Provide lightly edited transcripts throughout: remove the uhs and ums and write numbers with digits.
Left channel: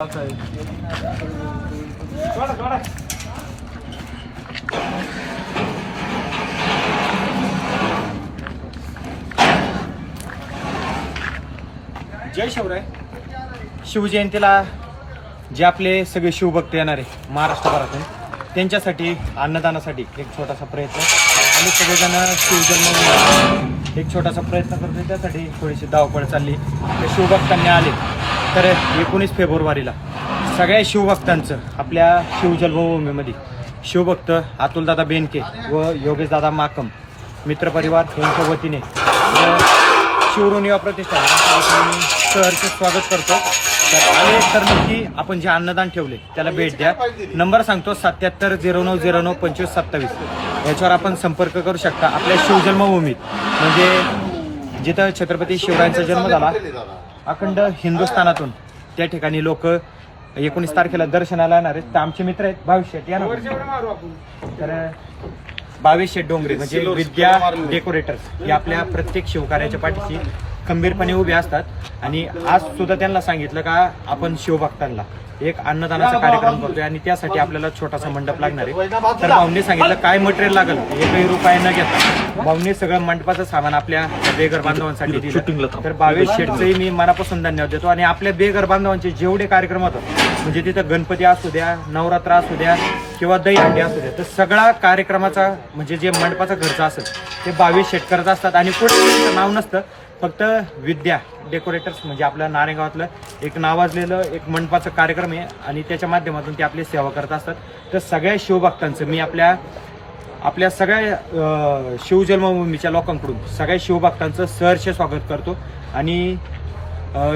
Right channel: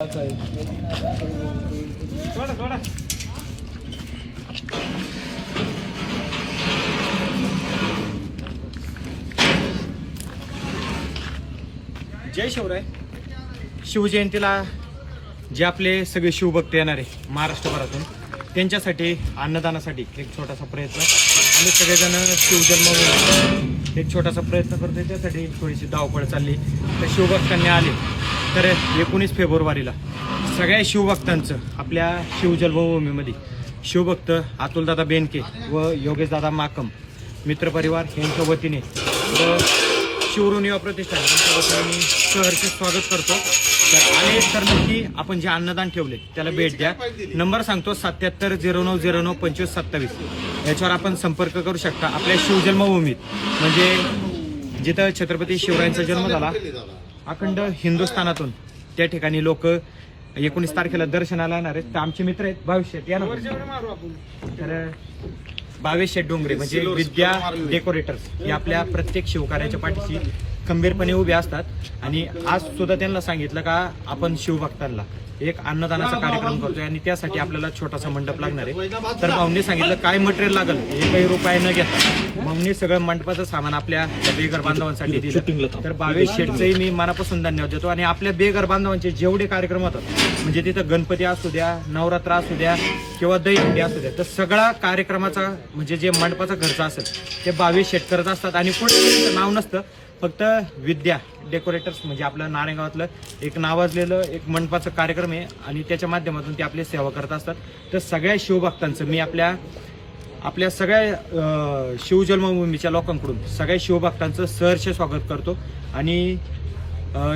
जय शिवराय. शिवजयंतीला जे आपले सगळे शिवभक्त येणार आहे महाराष्ट्रभरातून त्यांच्यासाठी अन्नदानासाठी एक छोटासा प्रयत्न आणि सगळेजण शिवजन्म एक छोटासा प्रयत्न करतोय. त्यासाठी थोडीशी धावपळ चालली. शिवभक्तांनी आले तर 19 फेब्रुवारीला सगळ्या शिवभक्तांचं आपल्या शिवजन्मभूमीमध्ये शिवभक्त अतुलदादा बेनके व योगेशदादा माकम मित्रपरिवार यांच्या वतीने व शिवऋण युवा प्रतिष्ठान यांच्या वतीने मी सहर्ष स्वागत करतो. तर आले तर नक्की आपण जे अन्नदान ठेवले त्याला भेट द्या. नंबर सांगतो 7709092527. याच्यावर आपण संपर्क करू शकता. आपल्या शिवजन्मभूमीत म्हणजे जिथं छत्रपती शिवरायांचा जन्म झाला अखंड हिंदुस्थानातून त्या ठिकाणी लोक 19 तारखेला दर्शनाला येणार आहेत. तर आमचे मित्र आहेत भावेश शेट या ना. तर भावेश शेट डोंगरे म्हणजे विद्या डेकोरेटर्स हे आपल्या प्रत्येक शिवकार्याच्या पाठीशी खंबीरपणे उभे असतात. आणि आज सुद्धा त्यांना सांगितलं का आपण शिवभक्तांना एक अन्नदानाचा कार्यक्रम करतोय आणि त्यासाठी आपल्याला छोटासा मंडप लागणार आहे. तर भाऊंनी सांगितलं काय मटेरियल लागेल एकही रुपये न घेता भाऊंनी सगळं मंडपाचं सामान आपल्या बेघर बांधवांसाठी दिलं. तर भावेश शेठचंही मी मनापासून धन्यवाद देतो. आणि आपल्या बेघर बांधवांचे जेवढे कार्यक्रम होतात म्हणजे तिथं गणपती असू द्या, नवरात्र असू द्या किंवा दहीहंडी असू द्या, तर सगळा कार्यक्रमाचा म्हणजे जे मंडपाचा खर्च असेल ते भावेश शेठ करत असतात. आणि कुठे नाव नसतं, फक्त विद्या डेकोरेटर्स म्हणजे आपल्या नारेगावातलं एक नावाजलेलं एक मंडपाचं कार्यक्रम आहे आणि त्याच्या माध्यमातून ते आपली सेवा करत असतात. तर सगळ्या शिवभक्तांचं मी आपल्या सगळ्या शिवजन्मभूमीच्या लोकांकडून सगळ्या शिवभक्तांचं सहर्ष स्वागत करतो. आणि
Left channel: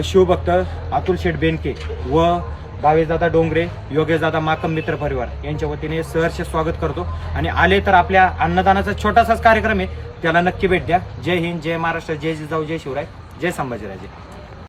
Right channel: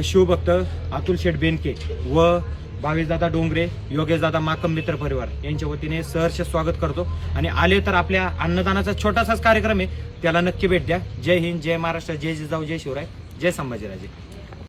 शिवभक्त अतुल शेठ बेनके व भावेशदादा डोंगरे, योगेशदादा माकम मित्र परिवार यांच्या वतीने सहर्ष स्वागत करतो. आणि आले तर आपल्या अन्नदानाचा छोटासाच कार्यक्रम आहे, त्याला नक्की भेट द्या. जय हिंद, जय महाराष्ट्र, जय जिजाऊ, जय शिवराय, जय संभाजीराजे.